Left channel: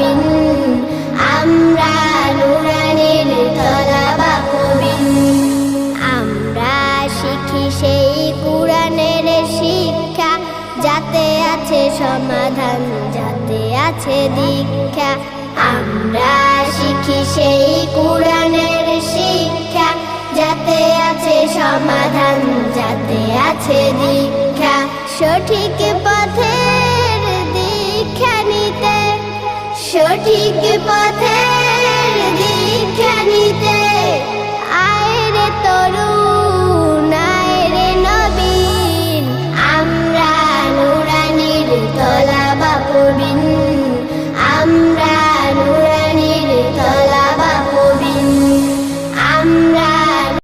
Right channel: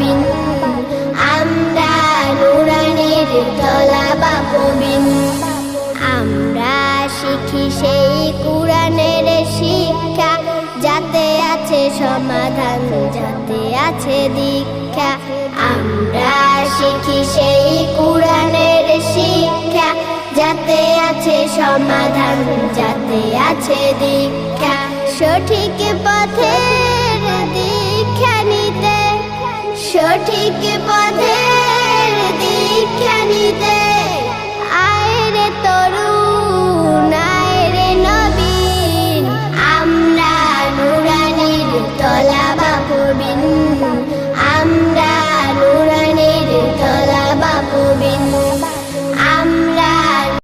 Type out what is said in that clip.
পবিন আমরা নুরানির তলা বা পবিন আমরা শিখি সেই কোরআনের শিক্ষা। যাতে আছে সমাধান, যাতে আছে দীক্ষা। আমরা শিখি সেই কোরআনের শিক্ষা। যাতে আছে সমাধান, যাতে আছে দীক্ষা। সঠিক পথের দীক্ষা নিতে সঠিক পথের দীক্ষা নিতে